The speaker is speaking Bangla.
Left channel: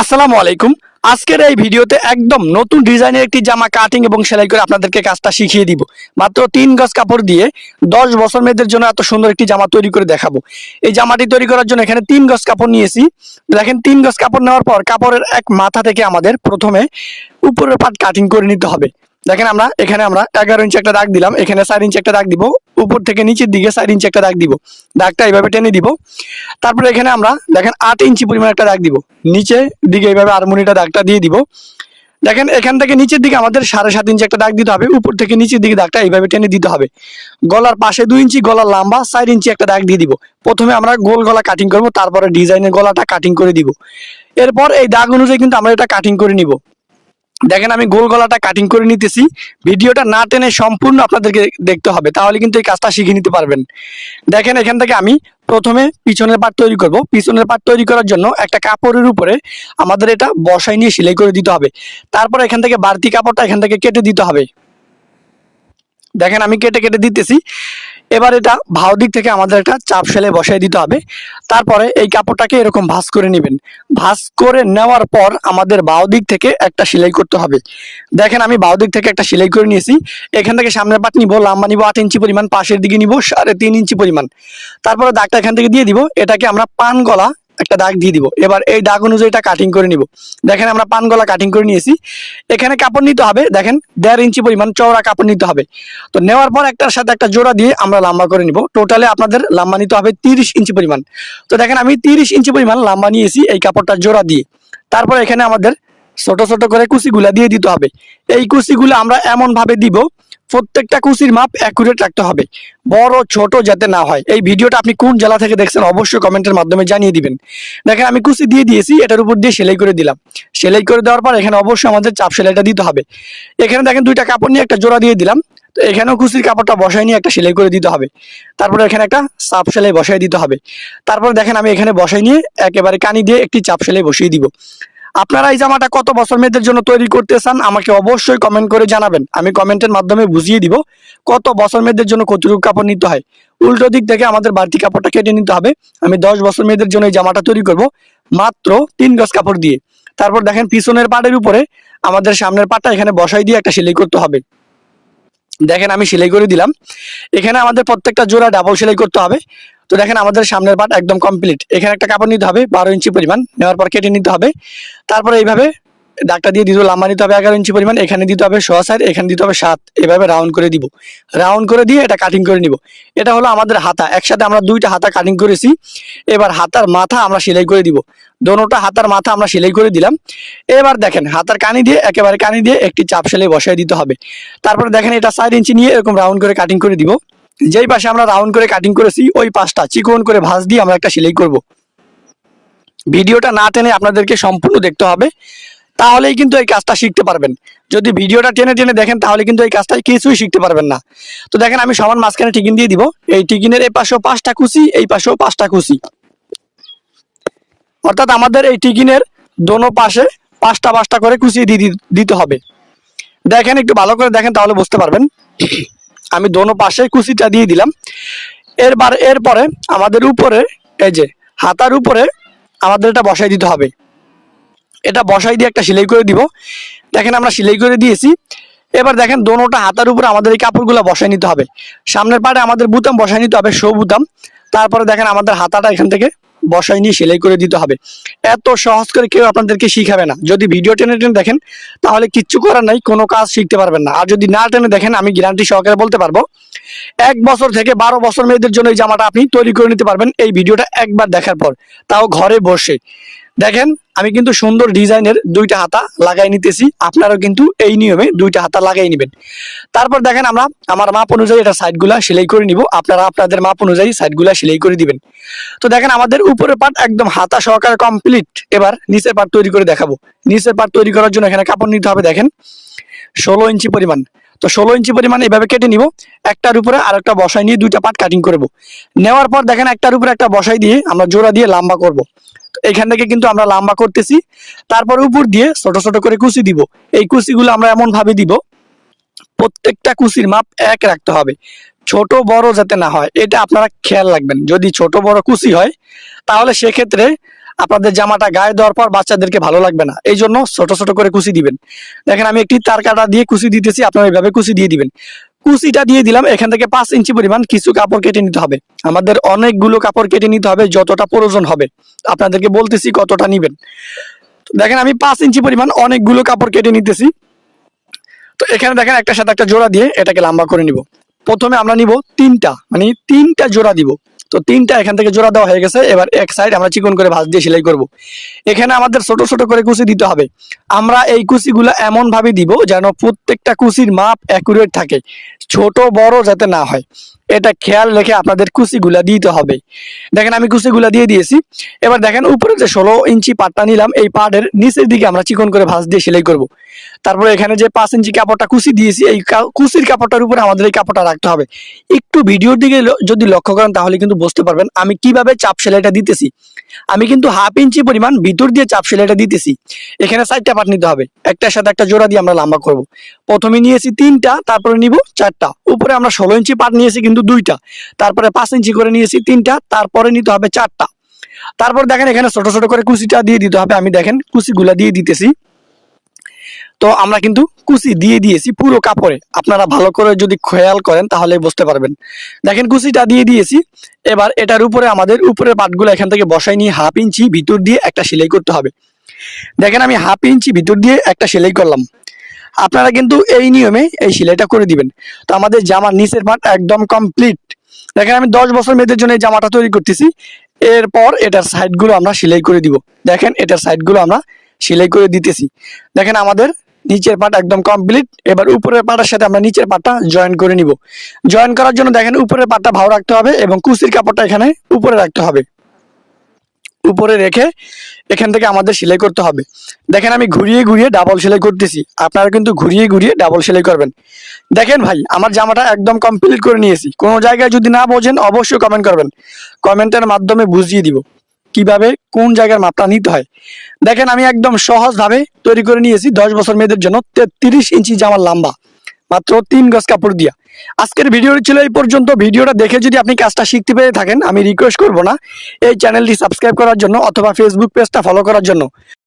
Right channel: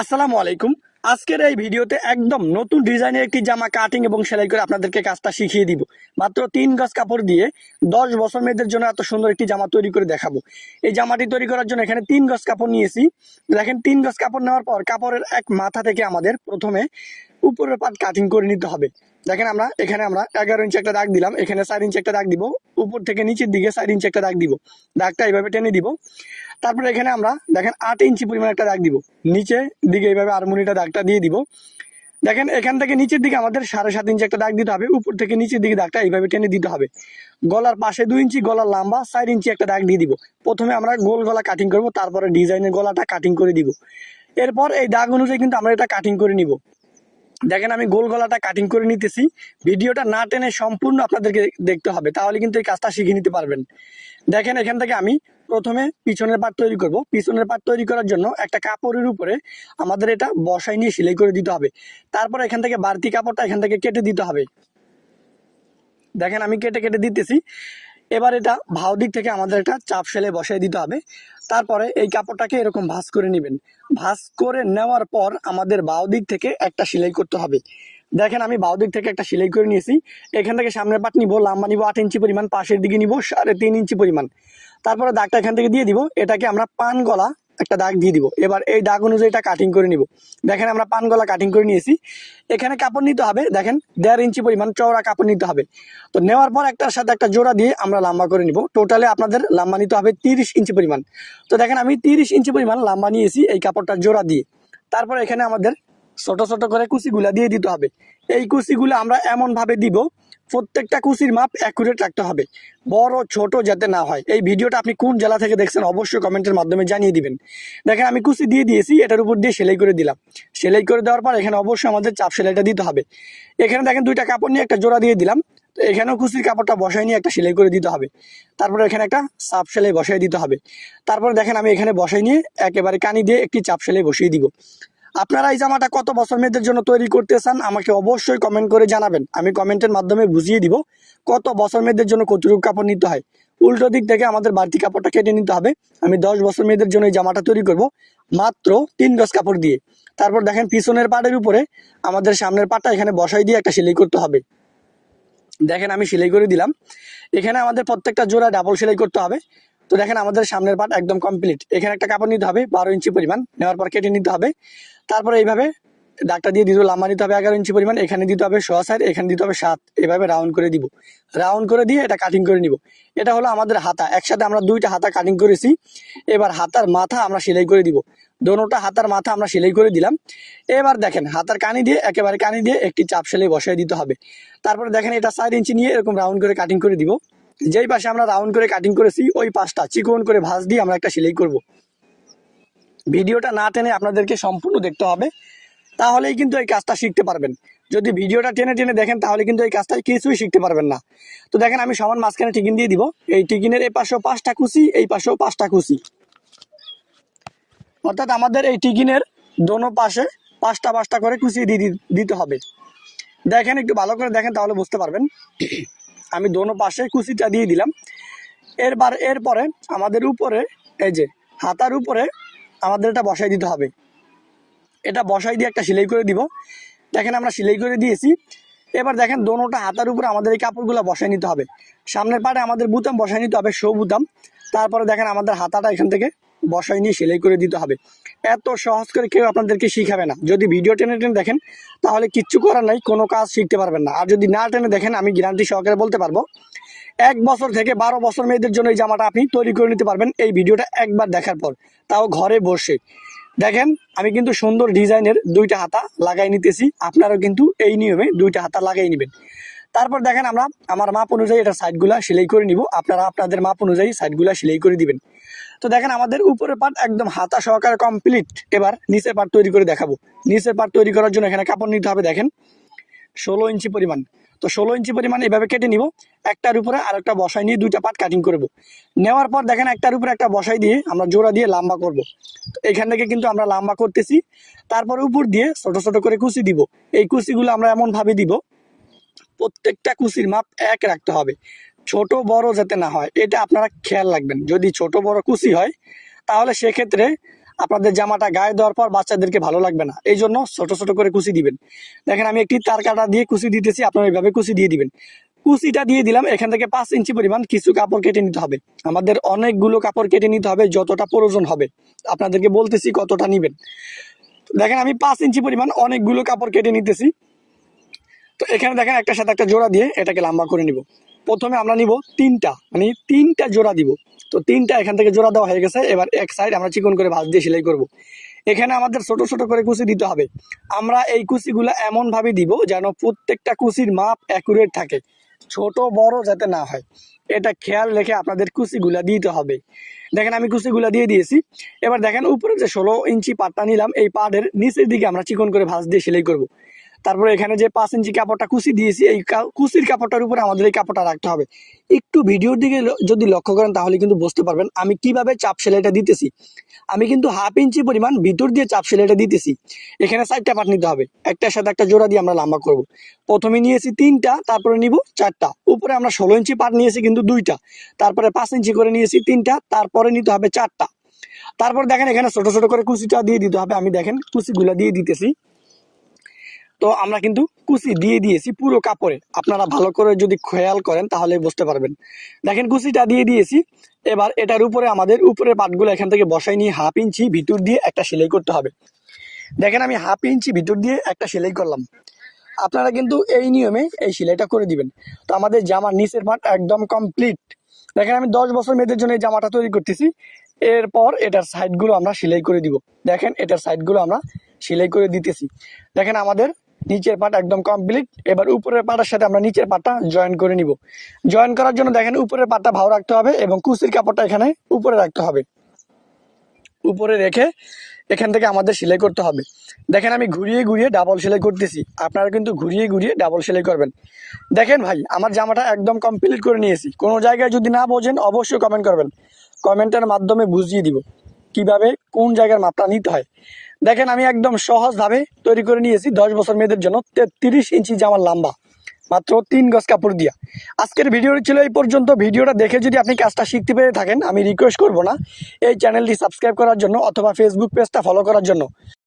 আসসালামু আলাইকুম। আজকের এই ভিডিওতে একদম নতুন ডিজাইনের একটি জামা কাটিং এবং সেলাই করে আপনাদেরকে কাজটা শিখিয়ে দিব। মাত্র তিন গজ কাপড় দিয়ে দশ বছর মেয়েদের জন্য এত সুন্দর একটি জামা তৈরি করে দেখাবো। এই জামাটি তৈরি করার জন্য এখানে তিন গজ কাপড় নিয়েছি। দেখেন, তিন গজ কাপড় নেওয়ার পর কাপড়ের এক মাথা থেকে আমাদের প্রথমে উপরের পাট কাটিং করে নিতে হবে। দেখেন আমরা, এখানে আমরা এগারো ইঞ্চি একটা দাগ দিলাম, এখানে চার ইঞ্চি একটা দাগ দিব, উপর থেকে নিচের দিকে চার ইঞ্চি একটা দাগ দিব, দাগটা এইভাবে টেনে দিব। তারপরে এখানে আমরা, দেখেন আট ইঞ্চি পরিমাণ একটা দাগ দিব নিচে দিকে এইভাবে আরমোনিটা দাগটা দিয়ে দিব। দেখেন, এখান থেকে নিচের দিকে আমাদের সাড়ে সাত ইঞ্চি একটা দাগ দিতে হবে, উপর থেকে নিচের দিকে দাগটা এইভাবে টেনে দিতে হবে। গলার পাশে দুই ইঞ্চি গলার লম্বা চার ইঞ্চি একটা দাগ দিয়ে দিব। প্রথমে আমরা গোল গলা কাটিং করব, তারপরে ডিজাইনের গলাটা কাটিং করে দিব। এরপর এই দাগ অনুযায়ী কিন্তু আমরা এটা কাটিং করে নিব। দেখেন আমি গোল গলাটা কাটিং করে নিতেছি। ভিডিওটা না টেনে সম্পূর্ণ আপনাদেরকে দেখতে হবে, তাহলে কিন্তু এই কাজটা শিখে নিতে পারবেন। দেখেন এখান থেকে আমি প্রথমে পিছনের পাট তৈরি করব। পিছনের পাট তৈরি করার জন্য একটা কাপড়ের উপরে আমাদের এটা বসাই নিয়ে সেলাই করে দিতে হবে। তারপর এখান থেকে বাড়তি কাপড়টা এখান থেকে কেটে দিতে হবে। দেখেন আমি কেটে কেটে দিতেছি। এবার এটা ভাও দিক থেকে আমাদের একটা চাপ সেলে বসাই দিতে হবে। তারপরে এই কাপড়টাকে এরকম ভাঁজ করে নেবেন। ভাঁজ করে নেওয়ার পর আমাদের বাও দিক থেকে একটা সেলাই করতে হবে। দেখেন আমি বাও দিক থেকে একটা সেলাই করে নিয়েছি। এখান থেকে সামনের পাট নিবো, লাম্বা নিবো, আট ইঞ্চি পরিমাণ, পাশের দিকে নিবো, সাড়ে তিন ইঞ্চি পরিমাণ। তারপরে দাগটা এখান থেকে দিয়ে দিব। এটাকে আমরা পান গলা একটা দাগ দিয়ে দিব। এবার এই দাগ অনুযায়ী এটা কাটিং করে নিব। দেখেন আমরা পান গলা কাটিং করে নিয়েছি। এখানে কাপড় নিতে হবে, দেখেন দেড় ইঞ্চি পরিমাণ চওড়া কাপড় নিতে হবে। তো নেওয়ার পর একটার সাথে একটা জোড়া দিয়ে আমরা লম্বা করে নিব। টোটালে আপনাদের লম্বা নিতে হবে তিরিশ ইঞ্চি পরিমাণ। তো দেখেন আমি তিরিশ ইঞ্চি পরিমাণ লম্বা নিয়েছি এই কাপড়টা জোড়া দিয়ে। তারপর এখানে আমাদের ছোট ছোট করে কুচিগুলা দিয়ে দিতে হবে। এই কুচিগুলো আমরা এমন ভাবে দিব প্রত্যেকটা কুচির মাপ অ্যাকুরেট রাখতে হবে। বড়, ছোট যাতে না হয়। এই ভিডিওটা আপনি কোন জেলা থেকে দেখছেন অবশ্যই কমেন্টের মাধ্যমে জানিয়ে দিবেন। দেখেন, আমি কুচি দিয়ে দিয়েছি, এটার উপর দিয়ে সেলাই করে দিলাম। সেলাই করে দেওয়ার পর এখানে অবশ্যই আমাদের চাপ সেলাইটা দিতে হবে। এখানে দেখেন দুইটা কাপড় নিয়ে একটা জোড়া দিয়ে দিলাম। তো এখানেও কুচির কাপড়টা বসাই নিয়ে একটা সেলাই করে দিতে হবে। তারপরে এখানে একটা চাপ সেলাই বসাই দিতে হবে। তারপর দেখেন, আমি এখানে বসাই নিয়ে একেবারে কানি দিয়ে একটি চাপ সেলাই বসিয়ে দিব। আপনারা এই জামাটা কত বছর মেয়েদের জন্য তৈরি করতে চান আমাকে অবশ্যই কমেন্ট করে জানাবেন। আমি কমেন্টের মাধ্যমে বুঝিয়ে দিব কত বছর মেয়েদের জন্য কতটুকু কাপড় নিতে হয়। উল্টো দিক থেকে আমাদের বাড়তি কাপড়টা কেটে নিতে হবে। আমি দশ বছর মেয়েদের জন্য এই জামাটা তৈরি করব মাত্র তিন গজ কাপড় দিয়ে। তারপর দেখেন পিছনের পাটের উপরে আমাদের সামনের পাটটা এখানে বসাই দিয়ে একটা সেলাই করতে হবে। দেখেন আমি সেলাই করে দিলাম। এখানে আমাদের প্রত্যেকটা জোড়া ডাবল সেলাই করতে হবে। তো দেখেন আমাদের সামনের পাট একদম কমপ্লিট এখানে একটা কাপড় নিতে হবে, বারো ইঞ্চি পরিমাণ। নেওয়ার পর কেটে নিতে হবে। তারপরে এইভাবে দাগটা দিয়ে দিতে লম্বা নিতে হবে এগারো ইঞ্চি পরিমাণ, এখানে দিতে হবে সোয়া সাইড এখানে দিতে হবে সাত। এভাবে রাউন্ড করে দিব। রাউন্ড করে দিয়ে এটা কাটিং করে নিব। এটা হলো আমাদের হাতা। একসাথে আমরা দুইটা হাতা কাটিং করেছি। এবার হাতার মাথা আমরা সেলাই করে দিব। দোনোটা হাতার মাথা আমরা সেলাই করে দিলাম। এবার দেখেন, হাতার কানি দিয়ে, একেবারে কানি দিয়ে একটি চাপ সেলাই বসাই দিতে হবে। তারপরে দেখেন এটা সাইড ইঞ্চি নিয়ে এরকম রাউন্ড করে কাটিং করে দিব। যেই পাশে আমরা রাউন্ড করে কাটিং করেছি, ওই পাশটা চিকন করে ভাঁজ দিয়ে আমরা একটা সেলাই করব। ভিডিওটা না টেনে আপনাদেরকে সম্পূর্ণ দেখতে হবে, তাহলেই কিন্তু এই কাজটা শিখতে পারবেন। যদি ভিডিওটা টেনে টেনে দেখেন, তাহলে কিন্তু এই কাজটা কিছুই শিখতে পারবেন না। তো দেখেন, আমি সমান মাঝখানে টিকিন দিয়ে দিব। এই টিকিনের এই পাশেও পাঁচটা কুচি, এই পাশেও পাঁচটা কুচি। অর্থাৎ আমাদের এই টিকিনের দোনো পাশে পাঁচটা পাঁচটা করে কুচিয়ে দিতে হবে। দেখেন, একটু ভালো করে দেখেন, তাহলে বুঝতে পারবেন। আমি দোনো পাশে কুচিটা দিয়ে দিলাম। এরবার, এরপরে আমাদের উপরে, এই যে হাতার উপরে আমাদের এটা বসাই দিতে হবে। এটা বসাই দিয়ে একটা সেলাই করে দিব। দেখেন আমরা সেলাই করে দিয়েছি। এবার দেখেন দোনোটা হাতার উপরে আমাদের এই কাপড়গুলো বসাই নিতে হবে। সামনের পাড়ে আমাদের বুতাম বসাই নিতে হবে শো বুতাম তারপরে দেখেন আমাদের হাতাটা এখান থেকে বসাই নিয়ে সেলাই করে দিতে হবে। এত সহজ করে কেউ আপনাদেরকে শিখাবে না। যদি ভিডিও টেনে টেনে দেখেন, তাহলে কিচ্ছু করার নাই, কোনো কাজ শিখতে পারবেন না। আর যদি না টেনে দেখেন, আমি গ্যারান্টি সহকারে বলতে পারব, এক বছর থেকে বারো বছর মেয়েদের জন্য এই জামাটা আপনি তৈরি করে নিতে পারবেন এই ভিডিওটা একবার দেখার পর। তাও ঘরে বসে। দেখেন, আমি কিন্তু সুন্দর ডিজাইনের দুইটা হাতা লাগাই নিতেছি। আপনারাও কিন্তু এই নিয়মে দুইটা হাতা লাগাই নেবেন। তারপর দেখেন আমরা আমার মাপ অনুযায়ী এটা সাইডগুলা সেলাই করে নিব। আপনারা আপনাদের মাপ অনুযায়ী সাইডগুলা সেলাই করে দিবেন। তো দেখেন, আমাদের উপরের পার্ট একদম হাতা সহকারে কমপ্লিট এবার নিচের পার্ট তৈরি করে দেখাবো। নিচের পার্ট তৈরি করার জন্য এখানে কাপড় নিতে হবে, দেখেন। ষোলো ইঞ্চি পরিমাণ। তো ষোলো ইঞ্চি পরিমাণ এভাবে কেটে নিব, একটার উপরে আর একটা বসাই নিয়ে দুইটা পার্ট কাটিং করব। নেওয়ার পর দেখেন একটার উপরে একটা বসাই দিয়ে আমরা জোড়া দিয়ে লম্বা করব। এখান থেকে কিন্তু আমরা লাম্বা করতেছি, তারপর উপর দিয়ে ছোট ছোট করে কুচি দিব। এই কুচিগুলো আমরা এমন ভাবে দিব, প্রত্যেকটা কুচির মাপ এক রাখতে হবে। ছোট, বড় যাতে না হয়, এটা আপনারা খেয়াল রাখবেন। যদি ছোট, বড় কুচি হয়, তাহলে সেক্ষেত্রে আপনাদের জামাটা গায়ে দেওয়ার পর বাচ্চাদেরকে ভালো লাগবে না। এই জন্য ছোট ছোট করে কুচি দিবেন। দেখেন, আমি একটি তার কাটা দিয়ে কুচি দিতেছি, আপনারা এইভাবে কুচি দিয়ে দিবেন। কুচিটা দিয়ে দিলাম, এখান থেকে পাঁচ ইঞ্চি পরিমাণ কিছু কাপড় কেটে নিতে হবে। আমাদের অনেকগুলো কাপড় কেটে নিতে হবে, যতটা প্রয়োজন হবে। আপনাদেরকে বলতেছি কতটা নিবেন। দেখেন, আমি পাঁচ ইঞ্চি পরিমাণ অনেকগুলো কাপড় কেটে নিতেছি। তো এখানে দেখেন একটা সাথে একটা জোড়া দিয়ে এটাকে লম্বা করে নিব। প্রথমে আমরা নিব তিনটা মানে তিনটা জোড়া দিব। তো তিনটা এখান থেকে জোড়া দেওয়া হয়ে গেছে, এবার এক সাইড আমরা চিকন করে ভাঁজ দিয়ে সেলাই করব। এখানে আমাদের ছোট ছোট করে কুচি দিতে হবে। আমরা এই কুচিগুলো এমন ভাবে দিব যেন প্রত্যেকটা কুচির মাপ অ্যাকুরেট থাকে, ছোট, বড় যাতে না হয়। এটা খেয়াল রেখে আপনাদের কুচিগুলা দিতে হবে। দেখেন আমি কুচিগুলা দিয়ে দিয়েছি। এবার দেখেন উপরে যে ষোলো ইঞ্চি পাটটা নিলাম, এই পাটের নিচের দিকে আমরা চিকন করে ভাঁজ দিয়ে সেলাই করব। তারপরে এখানে যে পাঁচ ইঞ্চি কাপড়টা কুচি দিয়েছি, এই কুচির কাপড়টার উপরে আমাদের এই কাপড়টা রাখতে হবে। একটু ভিডিওর দিকে যদি লক্ষ্য করেন তাহলে কিন্তু বুঝতে পারবেন আমি কীভাবে চাপ সেলাইটা দিতেছি। আমি কিন্তু হাফ ইঞ্চি পরিমাণ ভিতর দিয়ে চাপ সেলাইটা দিতেছি। এখানে চারটা পাট নিতে হবে। একটার সাথে একটা জোড়া দিয়ে আমরা লম্বা করব। প্রথমে নিয়েছি তিনটা, তারপরে নিব চারটা। উপরে আমরা ষোলো ইঞ্চি পাট নিয়েছি কিন্তু দুইটা। তারপরে পাঁচ ইঞ্চি করে নিয়েছি তিনটা, তারপরে নিতে হবে চারটা। তারপর দেখেন এখানে ছোট ছোট করে কুচিটা দিয়ে দিতে হবে। আমি দেখেন কুচিগুলা দিয়ে দিতেছি। তো আমরা কিন্তু কুচি দিয়ে দিয়েছি পুরো কাপড়ে। আপনারা ভালো করে যদি খেয়াল করেন তাহলে বুঝতে পারবেন। দেখেন কুচিটা দিয়ে দিয়েছি। এবার এটার উপরে আমাদের উপরের পাটগুলো এখান থেকে বসাই নিয়ে হাফ ইঞ্চি ভিতর দিয়ে একটা সেলাই করতে হবে। দেখেন আমি হাফ ইঞ্চি ভিতর দিয়ে একটা সেলাই করলাম। আপনারা কিন্তু এই নিয়মে এই সেলাইটা করে দিবেন। তো আমাদের জামার নিচের পাট একদম কমপ্লিট দেখেন আমি দশ বছর মেয়েদের জন্য এই জামাটা তৈরি করতেছি। এরপর এটার সাইডগুলো আমরা সেলাই করে দিব। দেখেন এটার সাইডগুলো আমরা সেলাই করে দিতেছি। দেখেন আমাদের নিচের পাটা একদম কমপ্লিট এবার উপরের পাটার সাথে আমরা নিচের পাটা জয়েন করে নিব। জয়েন করার জন্য দেখেন উপরের পাটা ভাও রাখতে হবে এবং কুচির কাপড়টা এখানে উপরে রাখতে হবে। উপরে রেখে এখান থেকে আমাদের সেলাই করতে হবে। দেখেন আমি ঘুরিয়ে ঘুরিয়ে ডাবল সেলাই করতেছি। আপনারা কিন্তু ঘুরিয়ে ঘুরিয়ে ডাবল সেলাই করবেন। দেখেন ভাই, আমার জামাটা একদম কমপ্লিট করে নিয়েছি। কোনো জায়গায় যদি না বোঝেন অবশ্যই কমেন্ট করবেন। কমেন্টের মাধ্যমে বুঝিয়ে দিব। কীভাবে, কোন জায়গার মাপটা নিতে হয়। দেখেন, আমি একদম সহজভাবে তৈরি করে নিয়েছি দশ বছর মেয়েদের জন্য তেত্রিশ ইঞ্চি জামার লম্বা, মাত্র তিন গজ কাপড় দিয়া। আজকের ভিডিওটি ছিল এই পর্যন্ত। ভিডিওটা দেখে যদি আপনি কাজটা শিখতে পেরে থাকেন, আমি রিকোয়েস্ট করব না। এই চ্যানেলটি সাবস্ক্রাইব করার জন্য অথবা ফেসবুক পেজটা ফলো করার জন্য।